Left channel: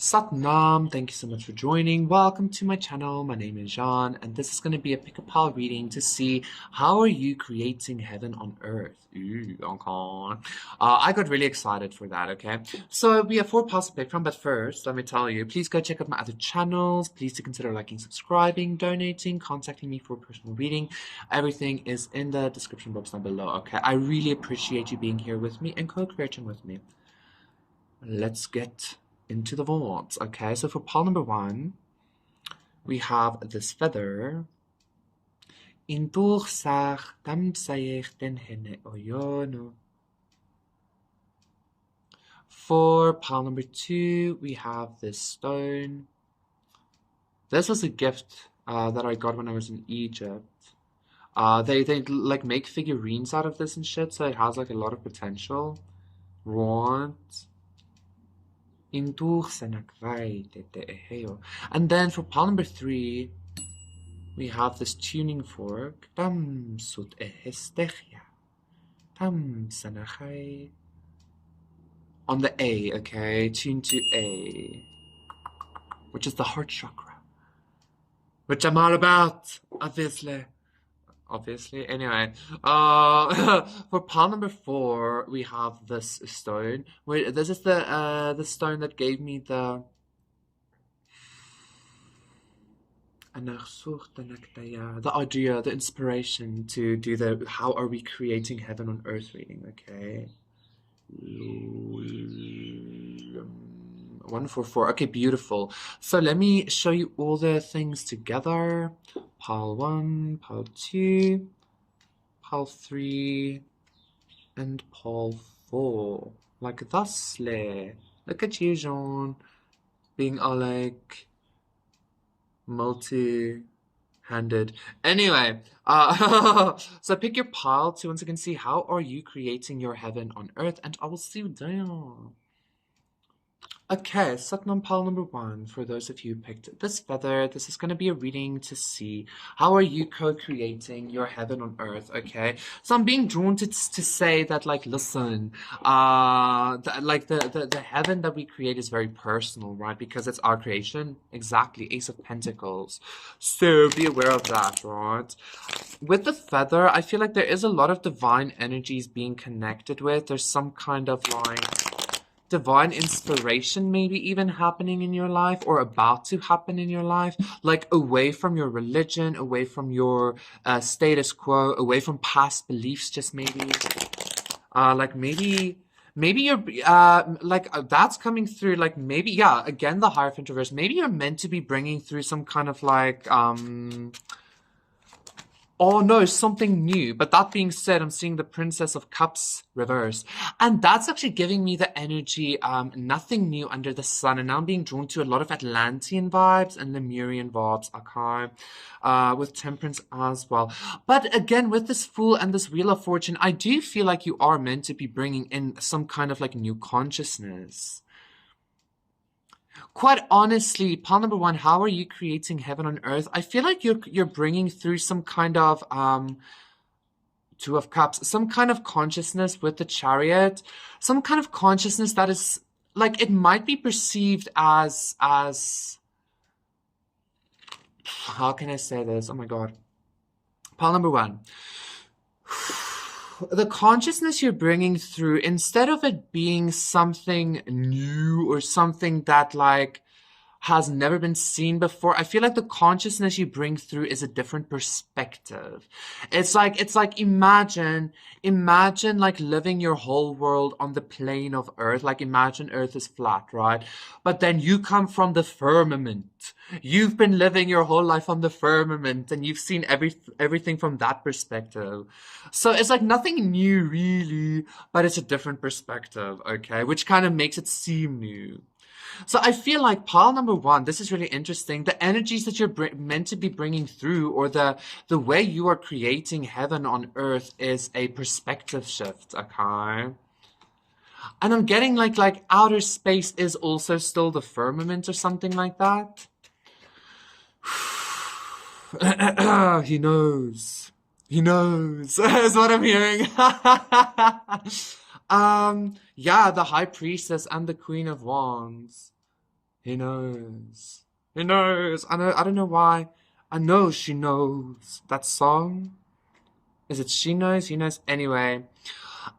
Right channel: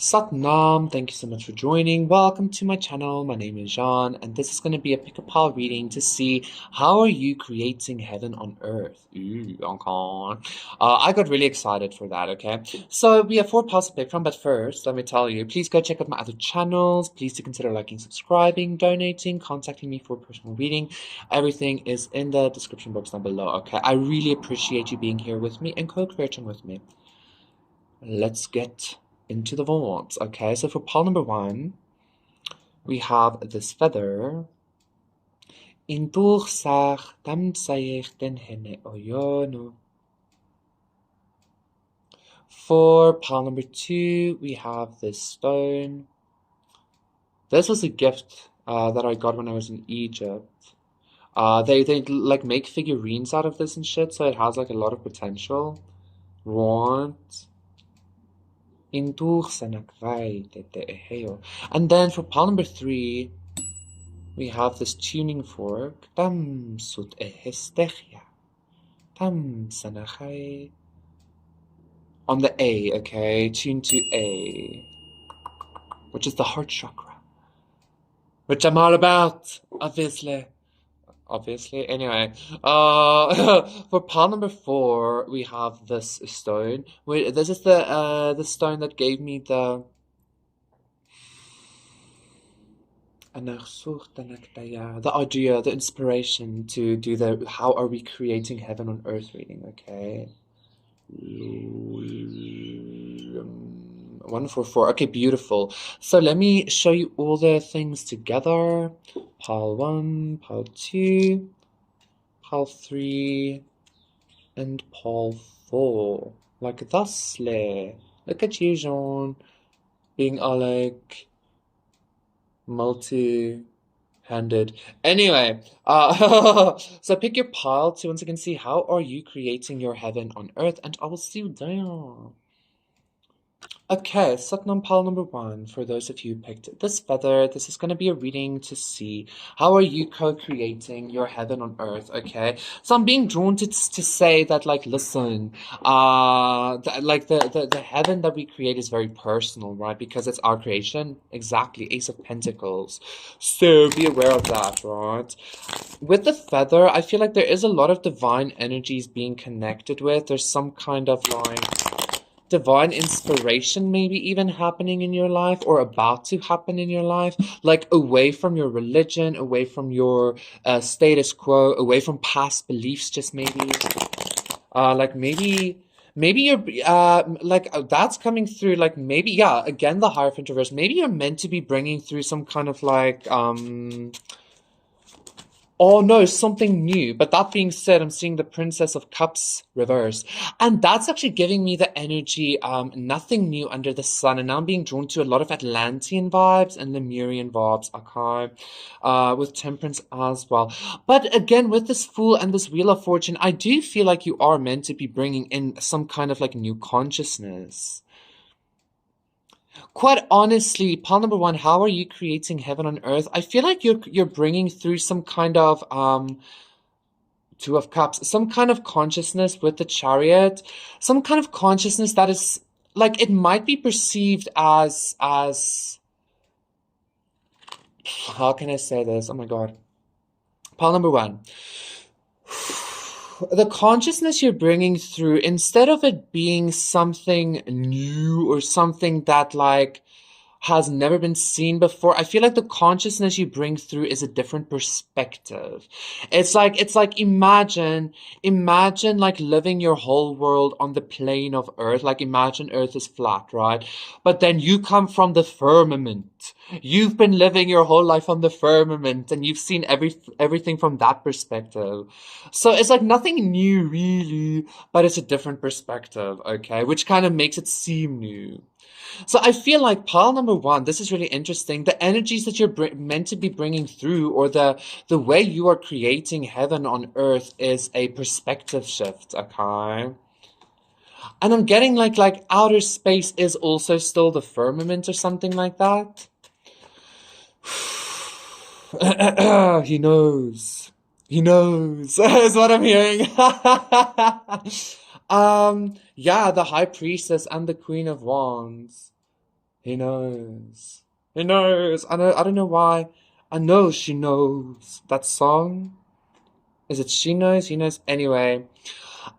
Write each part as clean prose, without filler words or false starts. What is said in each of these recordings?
Satnam, thank you so much for joining. Welcome to my channel. My name is Jean, and this is going to be a pick-a-pile reading to see how are you creating heaven on earth. Ooh, okay. I got really excited for that, okay? So we have 4 piles to pick from, but first, let me tell you, please go check out my other channels. Please do consider liking, subscribing, donating, contacting me for a personal reading. Everything is in the description box down below, okay? I really appreciate you being here with me and co-creating with me. Let's get into the vaults. Okay, so for pile number 1, we have this feather. For pile number 2, we have this stone. This was a gift that I got when I was in Egypt. They like make figurines out of this and shit, so it has like a lot of potential. Right. And then for pile number 3, we have this tuning fork. On the A, okay? Tune to A, which is the heart chakra, which I'm all about, obviously. Anyway, for pile number 4, we have this stone. Wait, this is the stone that gave me the idea, the inspiration to do the how are we creating heaven on earth reading, okay? 144. Okay, beautiful. So let me show you all the things together. Pile 1, pile 2, pile 3, and pile 4. Like thusly. Look at you, Jean. Being all like multi-handed. Anyway, so pick your pile to once again see how are you creating your heaven on earth, and I will see you there. Okay, Satnam pile number 1, for those of you who picked this feather, this is going to be a reading to see how are you co-creating your heaven on earth, okay? So I'm being drawn to say that, like, listen, the heaven that we create is very personal, right? Because it's our creation. Exactly, Ace of Pentacles. So be aware of that, right? With the feather, I feel like there is a lot of divine energies being connected with. There's some kind of, like, divine inspiration maybe even happening in your life or about to happen in your life, like away from your religion, away from your status quo, away from past beliefs, just maybe like maybe you're that's coming through, like maybe, yeah, again, the Hierophant reverse, maybe you're meant to be bringing through some kind of like oh no, something new. But that being said, I'm seeing the Princess of Cups reverse. And that's actually giving me the energy, nothing new under the sun. And now I'm being drawn to a lot of Atlantean vibes and Lemurian vibes, okay? With Temperance as well. But again, with this Fool and this Wheel of Fortune, I do feel like you are meant to be bringing in some kind of like new consciousness. Quite honestly, pile number 1, how are you creating heaven on earth? I feel like you're bringing through some kind of Two of Cups, some kind of consciousness with the Chariot, some kind of consciousness that is like, it might be perceived as how can I say this? Oh my god. Pile number 1. The consciousness you're bringing through, instead of it being something new or something that like has never been seen before, I feel like the consciousness you bring through is a different perspective. It's like imagine like living your whole world on the plane of Earth. Like imagine Earth is flat, right? But then you come from the firmament. You've been living your whole life on the firmament and you've seen everything from that perspective. So it's like nothing new really, but it's a different perspective, okay? Which kind of makes it seem new. So I feel like pile number 1, this is really interesting. The energies that you're meant to be bringing through, or the way you are creating heaven on earth, is a perspective shift, okay? And I'm getting like outer space is also still the firmament or something like that. He knows. He knows, is what I'm hearing. Yeah, the High Priestess and the Queen of Wands. He knows. He knows. I don't know why. I know she knows. That song? Is it she knows? He knows. Anyway.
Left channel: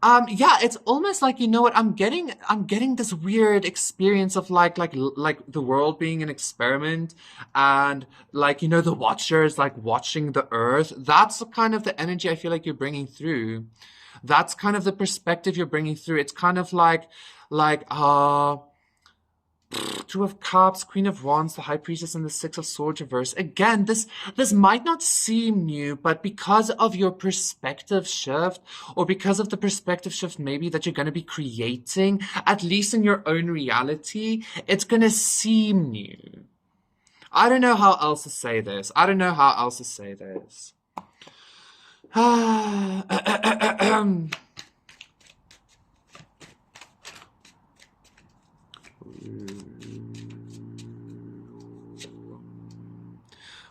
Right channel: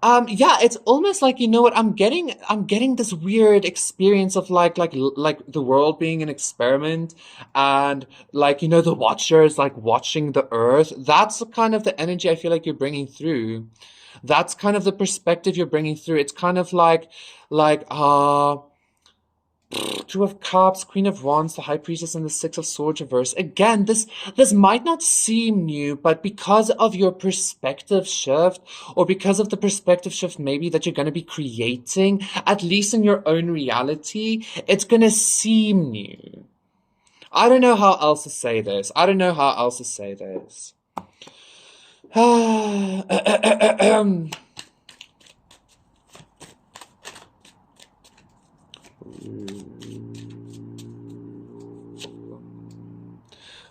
Yeah, it's almost like, you know what, I'm getting this weird experience of like the world being an experiment, and like, you know, the watchers like watching the earth. That's kind of the energy I feel like you're bringing through. That's kind of the perspective you're bringing through. It's kind of like Two of Cups, Queen of Wands, the High Priestess, and the Six of Swords reverse. Again, this might not seem new, but because of your perspective shift, or because of the perspective shift maybe that you're going to be creating, at least in your own reality, it's going to seem new. I don't know how else to say this. I don't know how else to say this.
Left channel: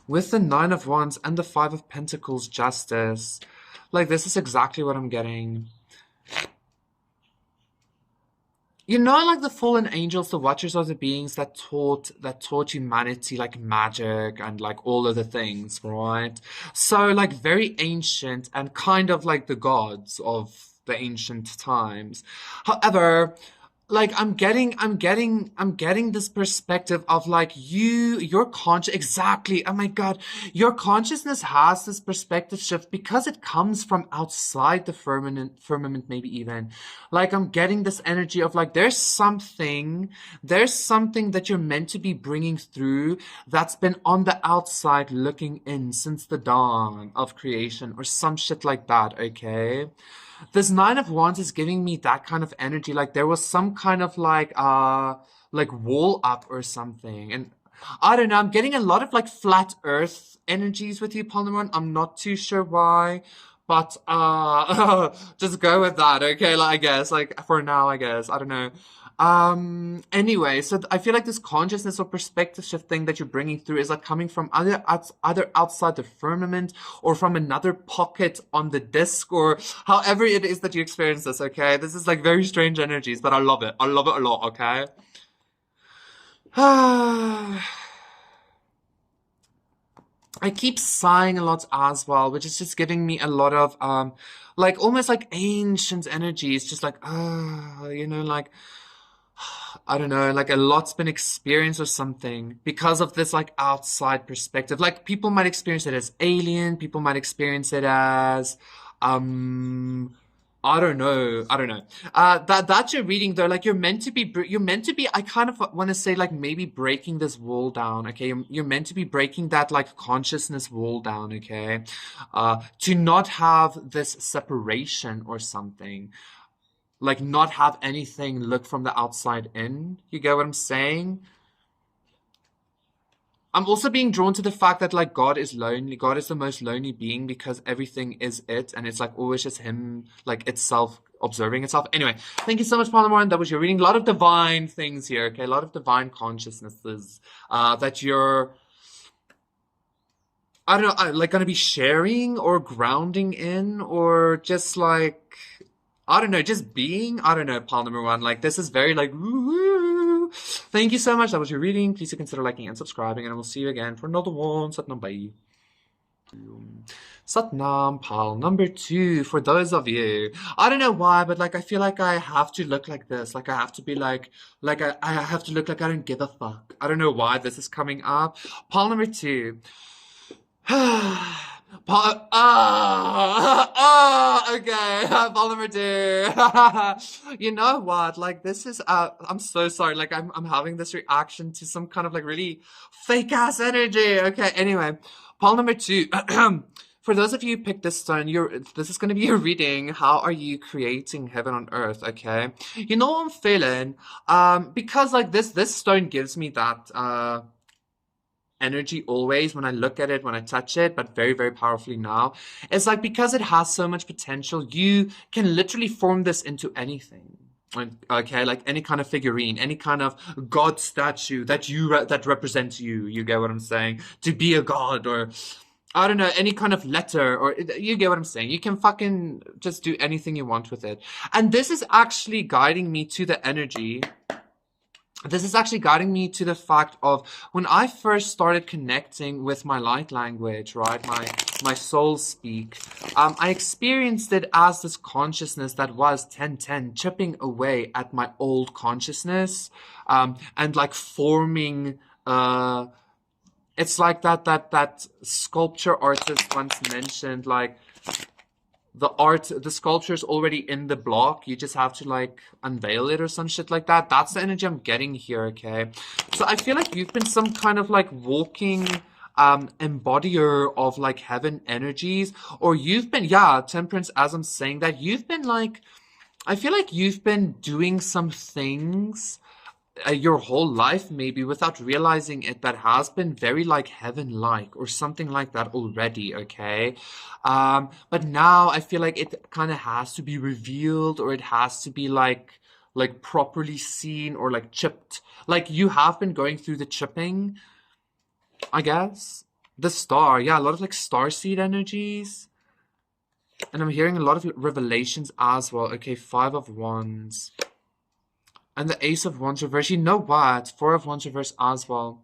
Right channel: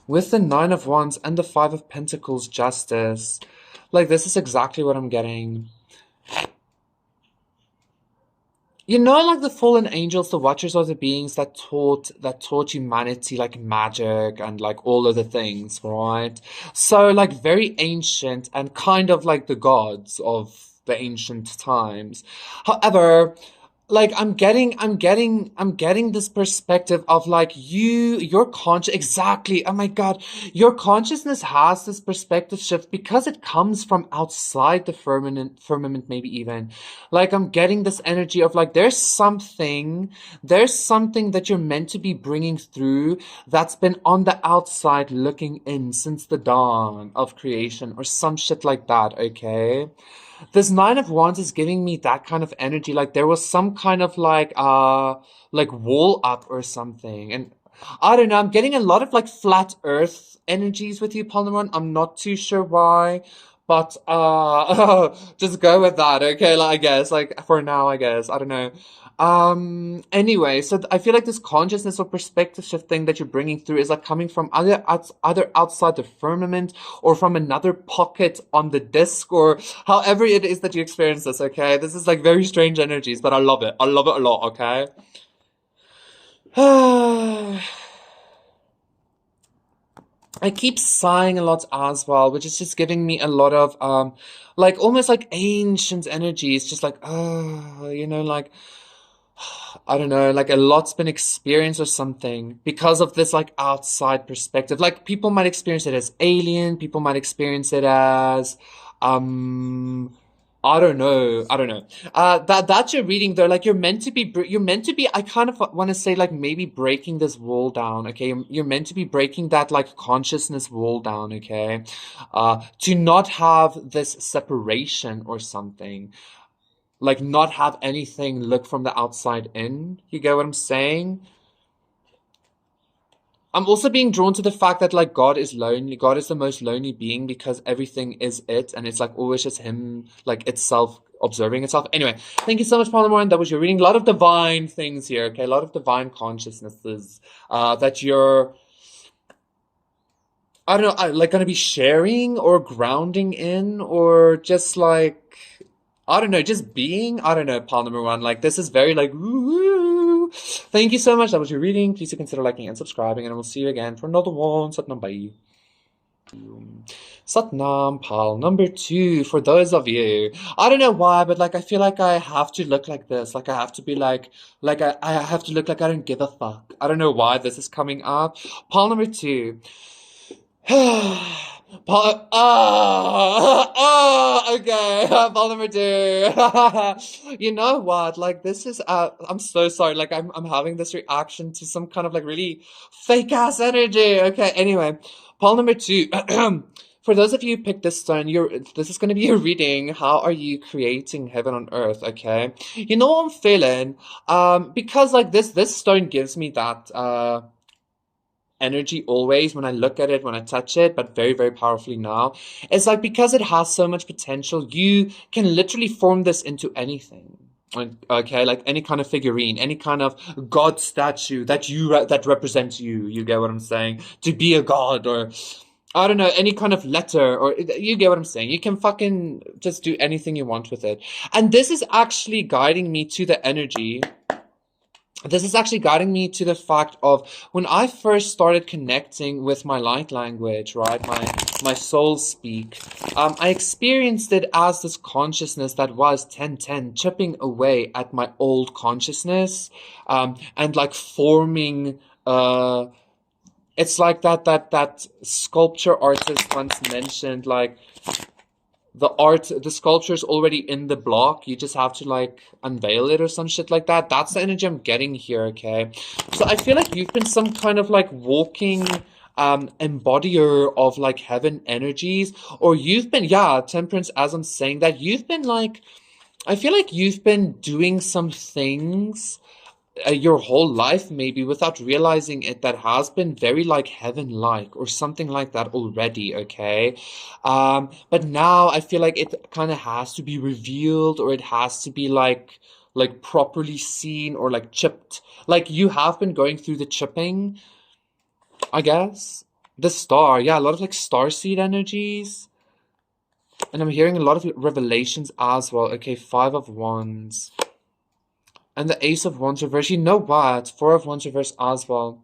With the Nine of Wands and the Five of Pentacles, Justice. Like, this is exactly what I'm getting. You know, like the fallen angels, the watchers are the beings that taught humanity like magic and like all of the things, right? So like very ancient and kind of like the gods of the ancient times. However, like I'm getting this perspective of like your conscious, exactly. Oh my God, your consciousness has this perspective shift because it comes from outside the firmament, maybe even. Like I'm getting this energy of like there's something that you're meant to be bringing through that's been on the outside looking in since the dawn of creation or some shit like that, okay? This Nine of Wands is giving me that kind of energy. Like there was some kind of like wall up or something. And I don't know, I'm getting a lot of like flat earth energies with you, Polymer. I'm not too sure why. But just go with that, okay? Like I guess, like for now, I guess. I don't know. Anyway, so I feel like this consciousness or perspective shift thing that you're bringing through is like coming from either outside the firmament or from another pocket on the disc, or however it is that you experience this, okay? This is like very strange energies, but I love it. I love it a lot, okay? I keep sighing a lot as well, which is just giving me a lot of like almost like ancient energy. It's just like, you know, like I don't know, like a lot's been experienced or something because of this like outside perspective. Like people might experience it as alien, people might experience it as um I don't know. I don't know. That you're reading though, like you're meant to be, I kind of want to say like maybe breaking this wall down, okay? You're meant to be breaking that like consciousness wall down, okay? To not have this separation or something, like not have anything look from the outside in. You get what I'm saying? I'm also being drawn to the fact that like God is lonely. God is the most lonely being because everything is it, and it's like always just him, like itself observing itself. Anyway, thank you so much, Palomar. That was your reading. A lot of divine things here, okay? A lot of divine consciousnesses that you're, I don't know, like gonna be sharing or grounding in, or just like I don't know, just being. I don't know, Paul number one. Like this is very like woo. Thank you so much. That was your reading. Please do consider liking and subscribing, and I will see you again for another one. Satnam, bye. Satnam, Pal number two. For those of you, I don't know why, but like I feel like I have to look like this. Like I have to be like I have to look like I don't give a fuck. I don't know why this is coming up. Pal number two. Okay. Ball number two. You know what? Like this is I'm so sorry. Like I'm having this reaction to some kind of like really fake ass energy. Okay, anyway. Ball number two. For those of you who picked this stone, this is gonna be your reading. How are you creating heaven on earth? Okay. You know what I'm feeling? Because like this stone gives me that energy always when I look at it, when I touch it, but very, very powerfully now. It's like because it has so much potential, you can literally form this into anything. Like, okay, like any kind of figurine, any kind of god statue that represents you. You get what I'm saying? To be a god, or I don't know, any kind of letter, or you get what I'm saying. You can fucking just do anything you want with it. And this is actually guiding me to the energy this is actually guiding me to the fact of when I first started connecting with my light language, right? My soul speak. I experienced it as this consciousness that was 1010 chipping away at my old consciousness, and like forming it's like that sculpture artist once mentioned, like the sculpture is already in the block. You just have to like unveil it or some shit like that. That's the energy I'm getting here, okay? So I feel like you've been some kind of like walking embodier of like heaven energies, or you've been, yeah, temperance, as I'm saying that, you've been like, I feel like you've been doing some things your whole life maybe without realizing it that has been very like heaven like or something like that already, okay? But now I feel like it kind of has to be revealed, or it has to be like properly seen or like chipped. Like you have been going through the chipping, I guess. The star, yeah, a lot of like star seed energies. And I'm hearing a lot of revelations as well. Okay, Five of Wands. And the Ace of Wands reverse. You know what? Four of Wands reverse as well.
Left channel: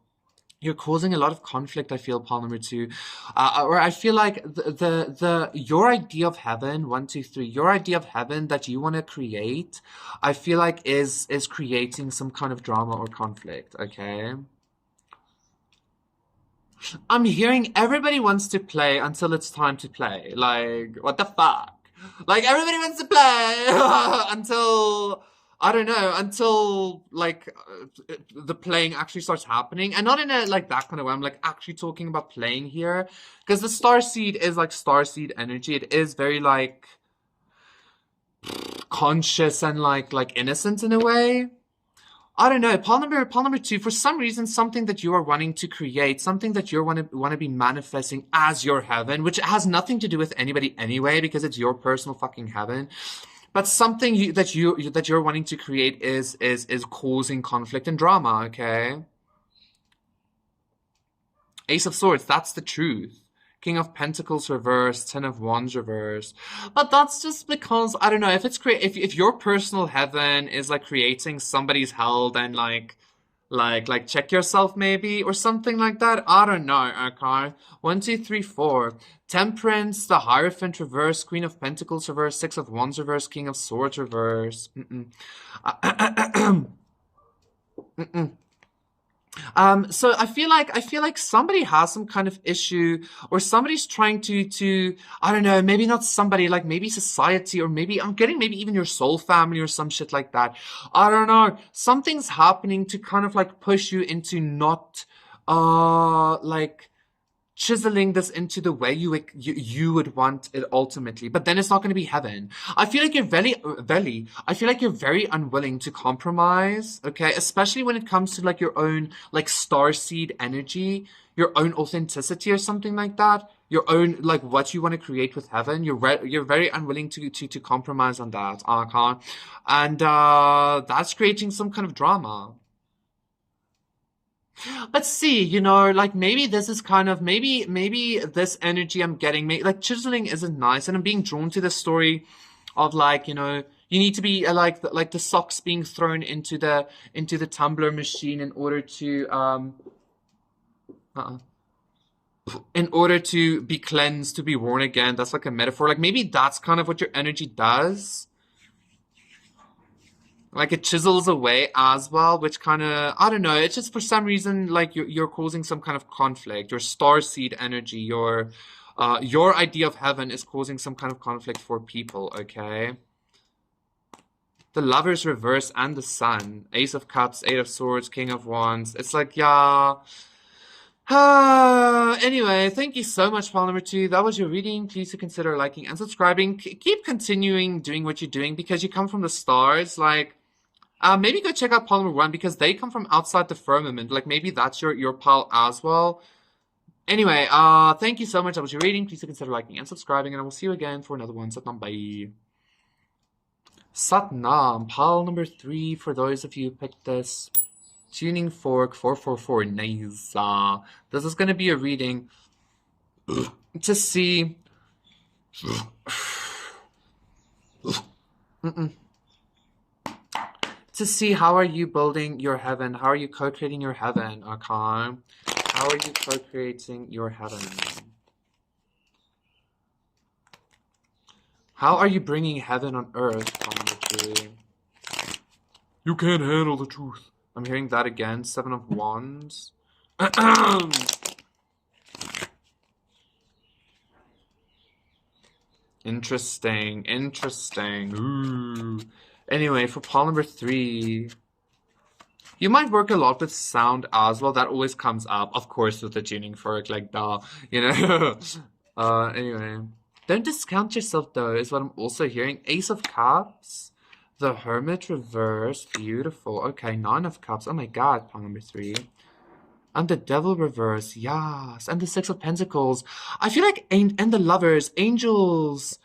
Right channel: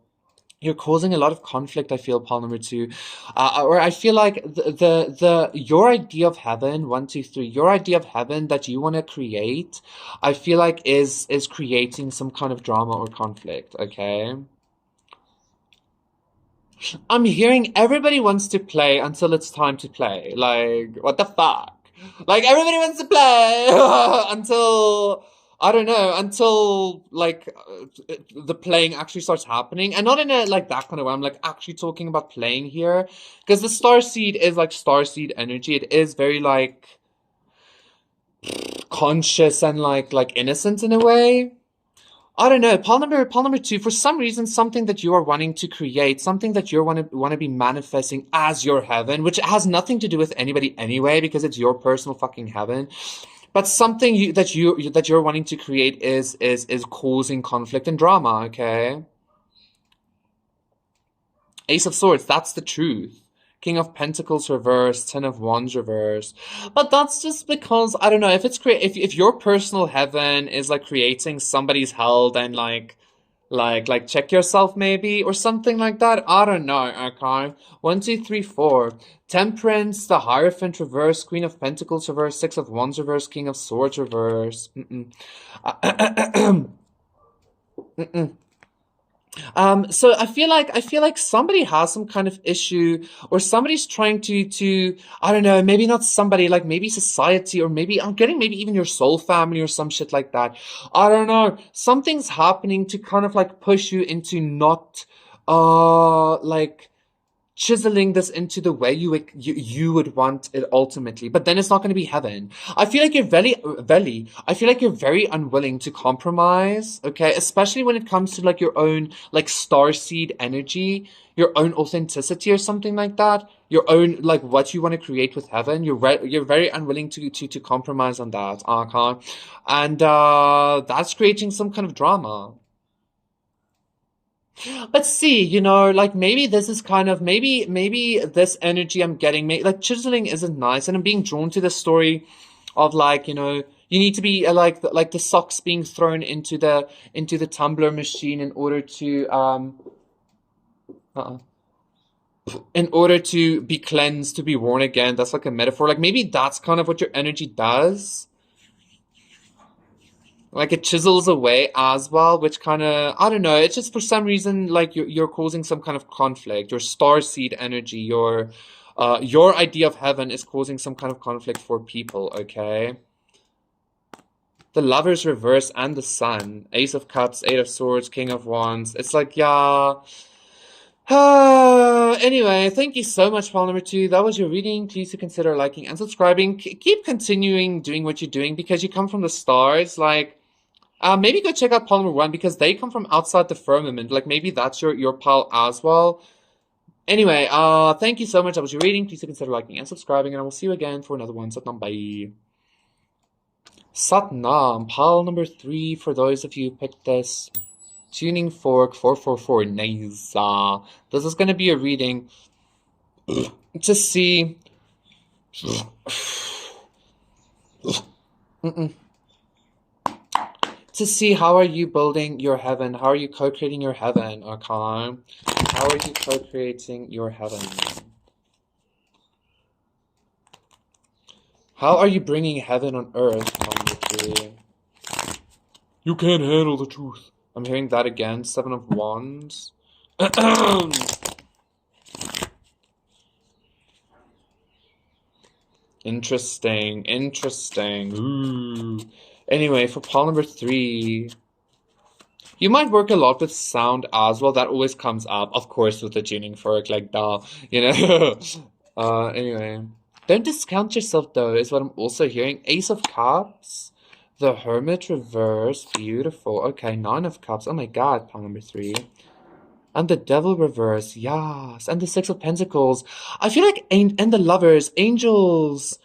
You're causing a lot of conflict, I feel, pile number two. Or I feel like the your idea of heaven, one, two, three, your idea of heaven that you want to create, I feel like is creating some kind of drama or conflict, okay? I'm hearing everybody wants to play until it's time to play. Like, what the fuck? Like, everybody wants to play until, I don't know, until, like, the playing actually starts happening. And not in a, like, that kind of way. I'm, like, actually talking about playing here. Because the starseed is, like, starseed energy. It is very, like, conscious and, like innocent in a way. I don't know. Pile number two, for some reason, something that you are wanting to create, something that you want to be manifesting as your heaven, which has nothing to do with anybody anyway, because it's your personal fucking heaven. But something that you're wanting to create is causing conflict and drama, okay? Ace of Swords, that's the truth. King of Pentacles reverse, Ten of Wands reverse. But that's just because, I don't know, if it's if your personal heaven is like creating somebody's hell, then like check yourself maybe or something like that. I don't know, okay. One, two, three, four. Temperance, the Hierophant reverse, Queen of Pentacles reverse, Six of Wands reverse, King of Swords reverse. So I feel like somebody has some kind of issue, or somebody's trying to I don't know, maybe not somebody, like maybe society, or maybe I'm getting maybe even your soul family or some shit like that. I don't know. Something's happening to kind of like push you into not like chiseling this into the way you would want it ultimately, but then it's not going to be heaven. I feel like you're I feel like you're very unwilling to compromise, okay, especially when it comes to like your own like starseed energy, your own authenticity or something like that, your own like what you want to create with heaven. You're very unwilling to compromise on that, Archon, and that's creating some kind of drama. Let's see, you know, like maybe this is kind of maybe this energy I'm getting, like chiseling isn't nice, and I'm being drawn to the story of like, you know, you need to be like the socks being thrown into the tumbler machine uh in order to be cleansed, to be worn again. That's like a metaphor. Like maybe that's kind of what your energy does. Like it chisels away as well, which kind of, I don't know, it's just for some reason like you're causing some kind of conflict. Your star seed energy, your idea of heaven is causing some kind of conflict for people, okay? The Lovers reverse and the Sun, Ace of Cups, Eight of Swords, King of Wands. It's like, yeah. Anyway, thank you so much, pile number two. That was your reading. Please do consider liking and subscribing. Keep continuing doing what you're doing because you come from the stars. Like, maybe go check out Polymer One because they come from outside the firmament. Like maybe that's your pal as well. Anyway, thank you so much. That was your reading. Please consider liking and subscribing, and I will see you again for another one. Satnam, bye. Satnam, pile number three for those of you who picked this. Tuning Fork 444. Nice. This is gonna be a reading to see. to see how are you building your heaven? How are you co-creating your heaven, okay? How are you co-creating your heaven? How are you bringing heaven on earth, Tom? You can't handle the truth. I'm hearing that again. Seven of Wands. Interesting. Interesting. Ooh. Anyway, for pile number 3, you might work a lot with sound as well. That always comes up, of course, with the tuning fork, like duh, you know. Anyway, don't discount yourself though, is what I'm also hearing. Ace of Cups, the Hermit reverse, beautiful. Okay, Nine of Cups. Oh my God, pile number 3. And the Devil reverse, yes. And the Six of Pentacles. I feel like, and the Lovers, angels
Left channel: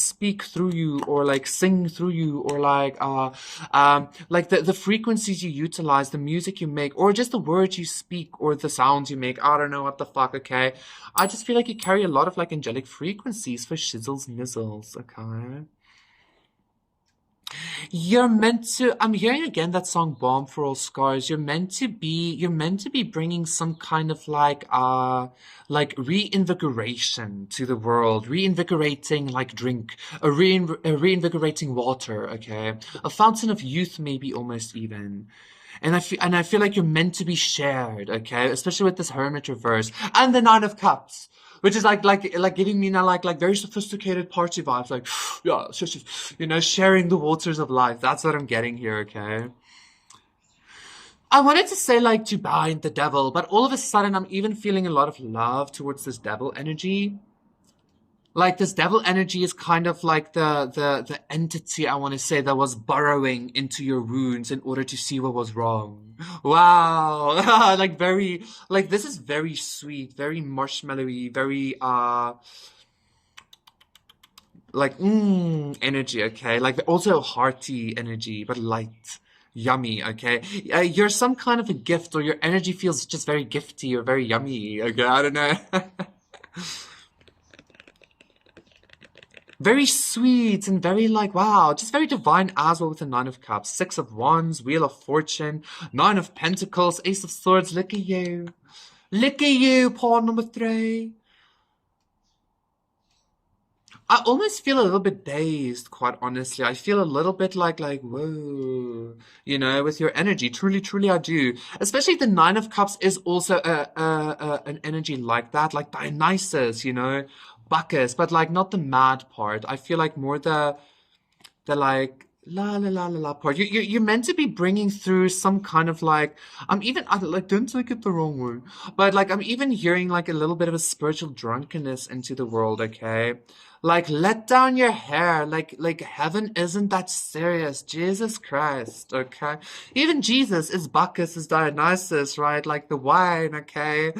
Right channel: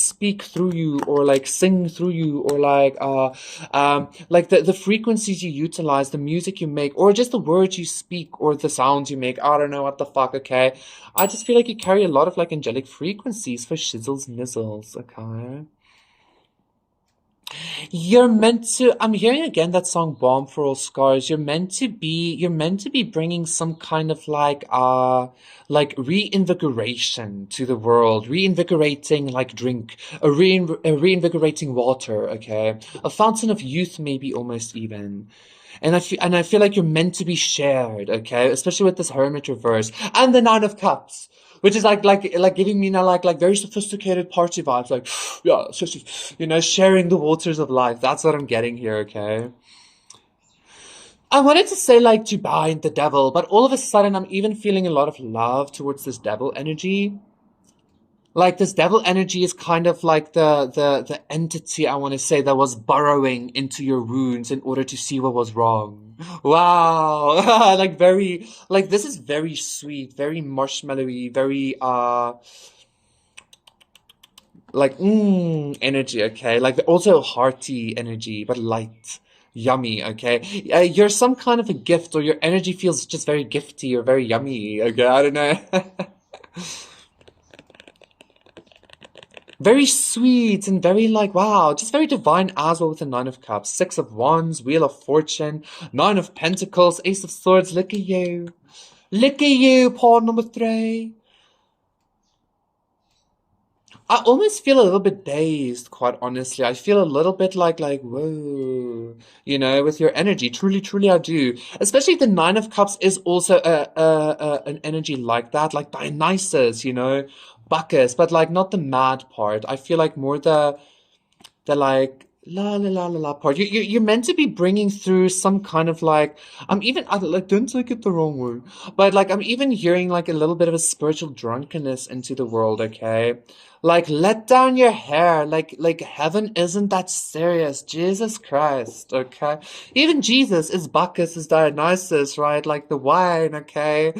speak through you, or like sing through you, or like the frequencies you utilize, the music you make, or just the words you speak, or the sounds you make. I don't know what the fuck, okay? I just feel like you carry a lot of like angelic frequencies for shizzles nizzles, okay? You're meant to, I'm hearing again that song Bomb for All Scars. You're meant to be bringing some kind of like reinvigoration to the world, reinvigorating like drink, a reinvigorating water, okay? A fountain of youth, maybe almost even. And I feel like you're meant to be shared, okay? Especially with this Hermit reverse and the Nine of Cups, which is like giving me now like very sophisticated party vibes, like yeah, you know, sharing the waters of life. That's what I'm getting here, okay? I wanted to say like to bind the devil, but all of a sudden I'm even feeling a lot of love towards this devil energy. Like this devil energy is kind of like the entity, I want to say, that was burrowing into your wounds in order to see what was wrong. Wow. Like very, like this is very sweet, very marshmallowy, very like energy, okay? Like also hearty energy, but light. Yummy, okay? You're some kind of a gift, or your energy feels just very gifty or very yummy, okay? I don't know. Very sweet and very like, wow, just very divine as well with the Nine of Cups, Six of Wands, Wheel of Fortune, Nine of Pentacles, Ace of Swords. Look at you. Look at you, pawn number 3. I almost feel a little bit dazed, quite honestly. I feel a little bit like, whoa, you know, with your energy. Truly, truly, I do. Especially the Nine of Cups is also an energy like that, like Dionysus, you know, Bacchus, but like not the mad part. I feel like more the like la la la la la part. You're meant to be bringing through some kind of like like don't take it the wrong way, but like I'm even hearing like a little bit of a spiritual drunkenness into the world. Okay, like let down your hair. Like heaven isn't that serious. Jesus Christ. Okay, even Jesus is Bacchus, is Dionysus, right? Like the wine. Okay.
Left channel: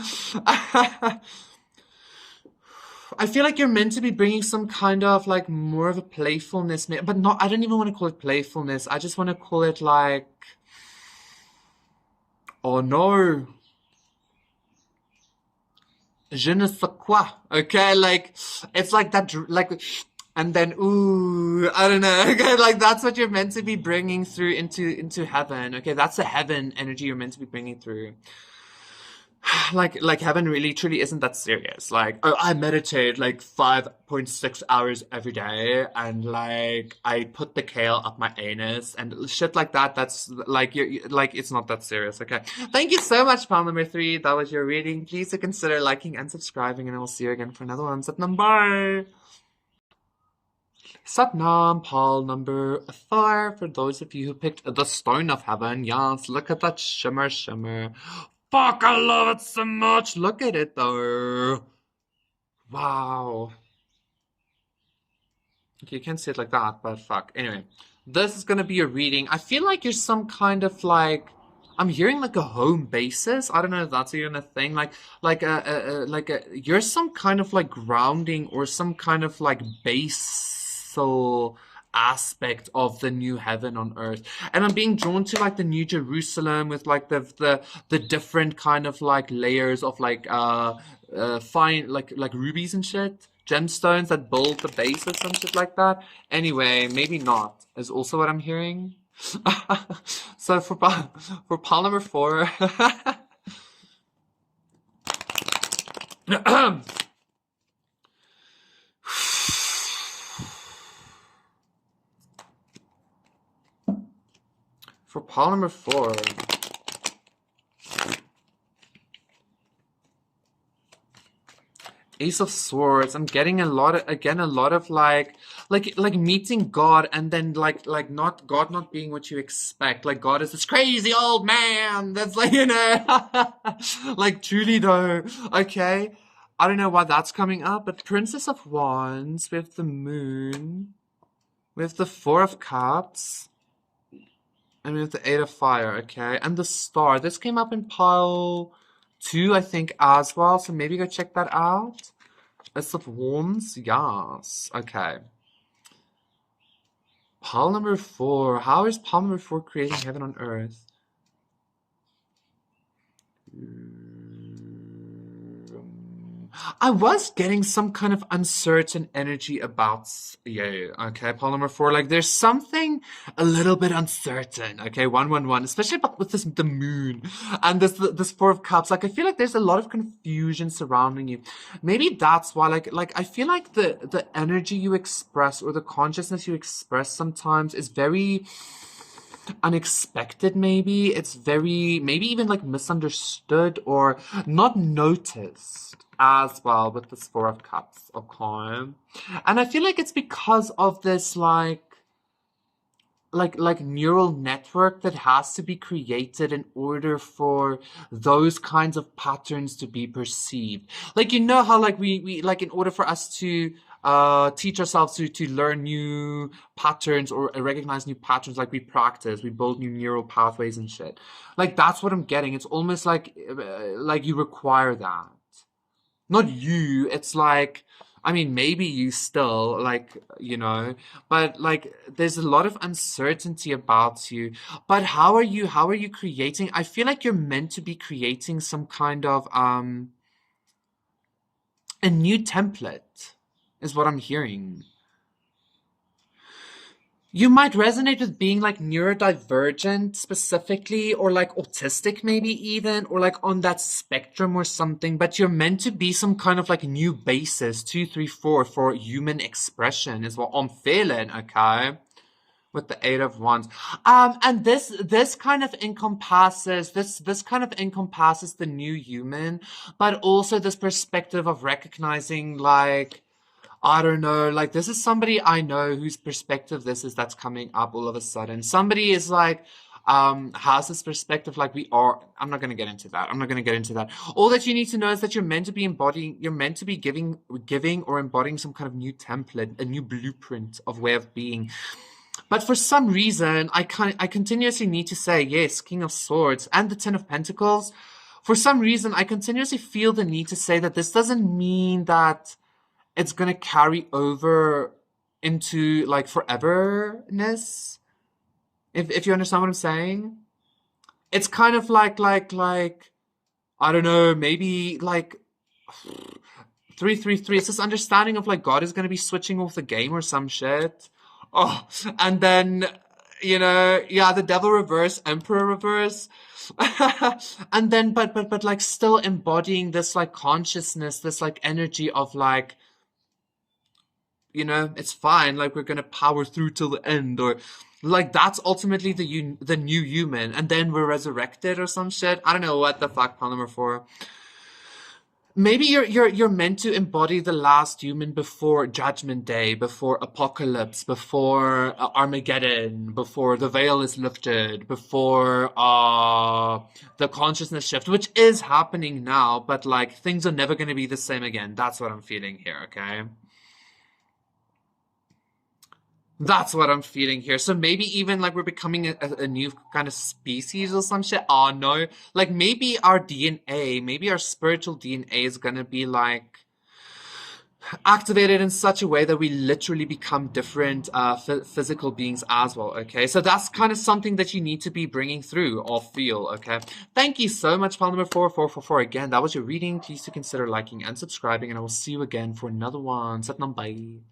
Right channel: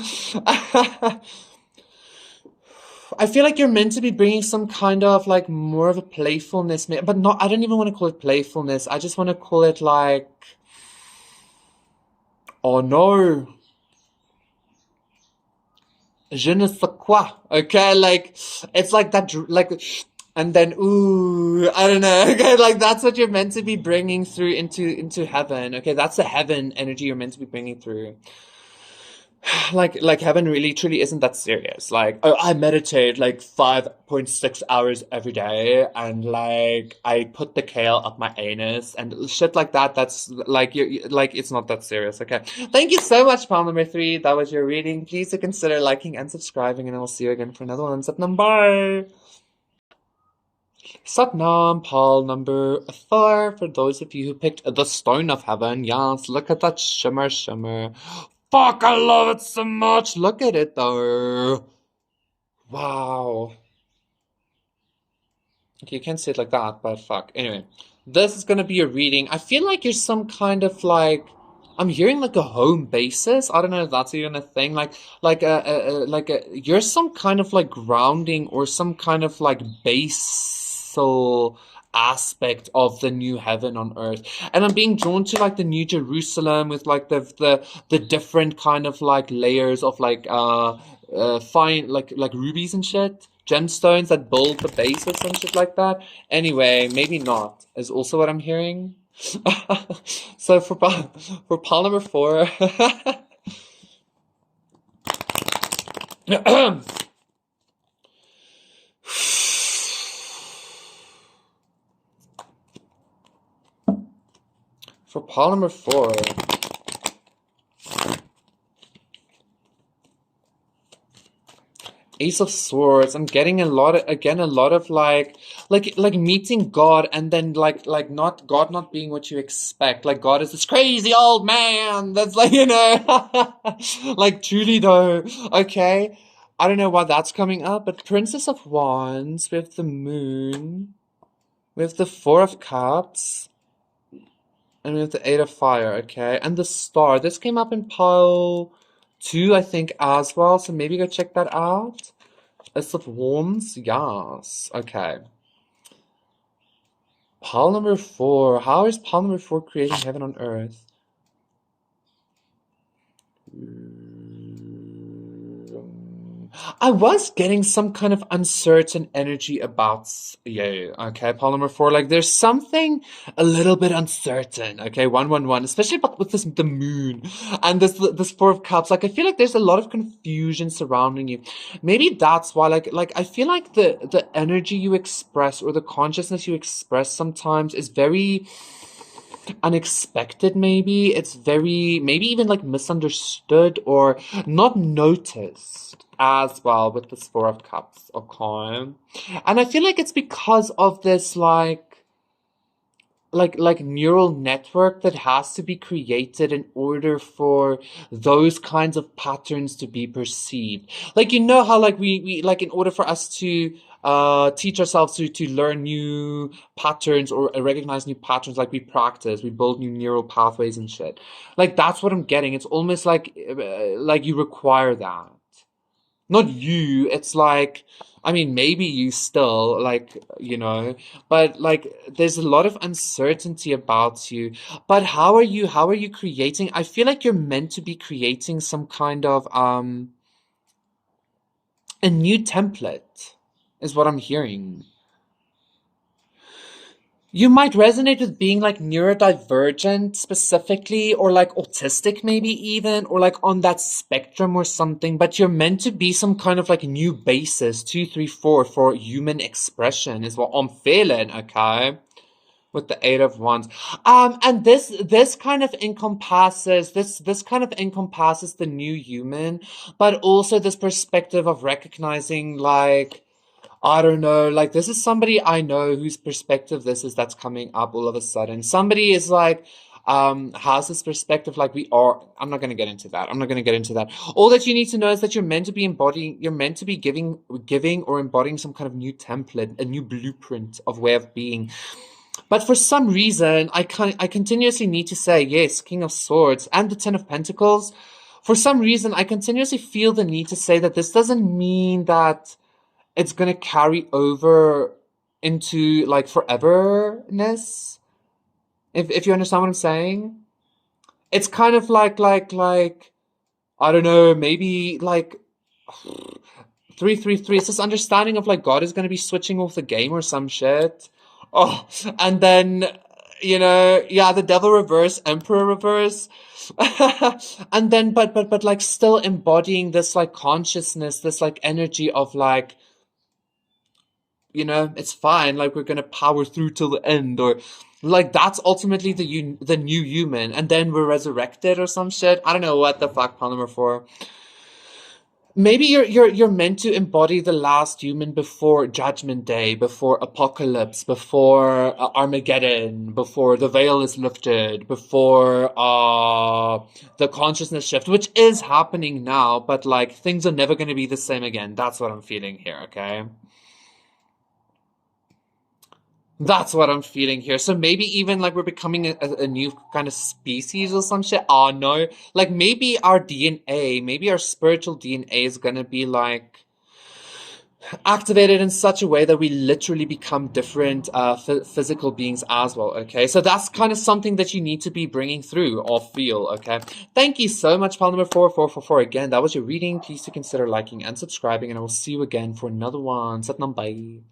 I feel like you're meant to be bringing some kind of like more of a playfulness, but not, I don't even want to call it playfulness. I just want to call it like, oh no, je ne sais quoi. Okay, like, it's like that, like, and then, ooh, I don't know. Okay, like that's what you're meant to be bringing through into heaven. Okay, that's the heaven energy you're meant to be bringing through. Like heaven really truly isn't that serious. Like, oh, I meditate like 5.6 hours every day, and like I put the kale up my anus and shit like that. That's like you like it's not that serious. Okay, thank you so much, pal number 3. That was your reading. Please consider liking and subscribing, and I will see you again for another one. Satnam, bye. Satnam, pal number 4. For those of you who picked the Stone of Heaven, yes, look at that shimmer, shimmer. Fuck, I love it so much. Look at it though. Wow. Okay, you can't say it like that, but fuck. Anyway, this is gonna be a reading. I feel like you're some kind of like, I'm hearing like a home basis. I don't know if that's even a thing. You're some kind of like grounding or some kind of like basal aspect of the new heaven on earth. And I'm being drawn to like the New Jerusalem with like the different kind of like layers of like fine like rubies and shit, gemstones that build the base or some shit like that. Anyway, maybe not is also what I'm hearing. So for pile number 4, for pile number 4, Ace of Swords. I'm getting a lot of like meeting God, and then like not God not being what you expect. Like God is this crazy old man that's like, like truly though. Okay. I don't know why that's coming up, but Princess of Wands, we have the Moon, we have the Four of Cups, and we have the Eight of Fire, okay? And the Star. This came up in pile 2, I think, as well. So maybe go check that out. Ace of Wands, yes. Okay. Pile number 4. How is pile number 4 creating heaven on earth? I was getting some kind of uncertain energy about, yeah, okay, pile number 4. Like there's something a little bit uncertain, okay, 111, especially about with this the moon and this Four of Cups. Like I feel like there's a lot of confusion surrounding you. Maybe that's why, like I feel like the energy you express or the consciousness you express sometimes is very unexpected. Maybe it's very, maybe even like misunderstood or not noticed as well with this Four of Cups, okay? And I feel like it's because of this like neural network that has to be created in order for those kinds of patterns to be perceived. Like how like we like in order for us to teach ourselves to learn new patterns or recognize new patterns, like we practice, we build new neural pathways and shit. Like that's what I'm getting. It's almost like you require that. Not you, it's like, I mean, maybe you still, like, but like, there's a lot of uncertainty about you. But how are you creating? I feel like you're meant to be creating some kind of, a new template, is what I'm hearing. You might resonate with being like neurodivergent specifically, or like autistic, maybe even, or like on that spectrum or something, but you're meant to be some kind of like new basis, 2, 3, 4, for human expression, is what I'm feeling, okay? With the Eight of Wands. And this kind of encompasses the new human, but also this perspective of recognizing like, I don't know, like this is somebody I know whose perspective this is that's coming up all of a sudden. Somebody is like, has this perspective like we are. I'm not gonna get into that. I'm not gonna get into that. All that you need to know is that you're meant to be giving or embodying some kind of new template, a new blueprint of way of being. But for some reason, I continuously need to say, yes, King of Swords and the Ten of Pentacles. For some reason, I continuously feel the need to say that this doesn't mean that it's gonna carry over into like foreverness. If you understand what I'm saying, it's kind of like I don't know, maybe like 333. It's this understanding of like God is gonna be switching off the game or some shit. Oh, and then yeah, the Devil reverse, Emperor reverse. And then but like still embodying this like consciousness, this like energy of like, it's fine, like we're gonna power through till the end, or like that's ultimately the new human, and then we're resurrected or some shit. I don't know what the fuck pile number 4. Maybe you're meant to embody the last human before Judgment Day, before Apocalypse, before Armageddon, before the veil is lifted, before the consciousness shift, which is happening now, but like things are never going to be the same again. That's what I'm feeling here, okay? That's what I'm feeling here. So maybe even like we're becoming a new kind of species or some shit. Oh no. Like maybe our DNA, maybe our spiritual DNA is gonna be like activated in such a way that we literally become different physical beings as well, okay? So that's kind of something that you need to be bringing through or feel, okay? Thank you so much, pile number 4444. Again, that was your reading. Please do consider liking and subscribing, and I will see you again for another one. Satnam, bye.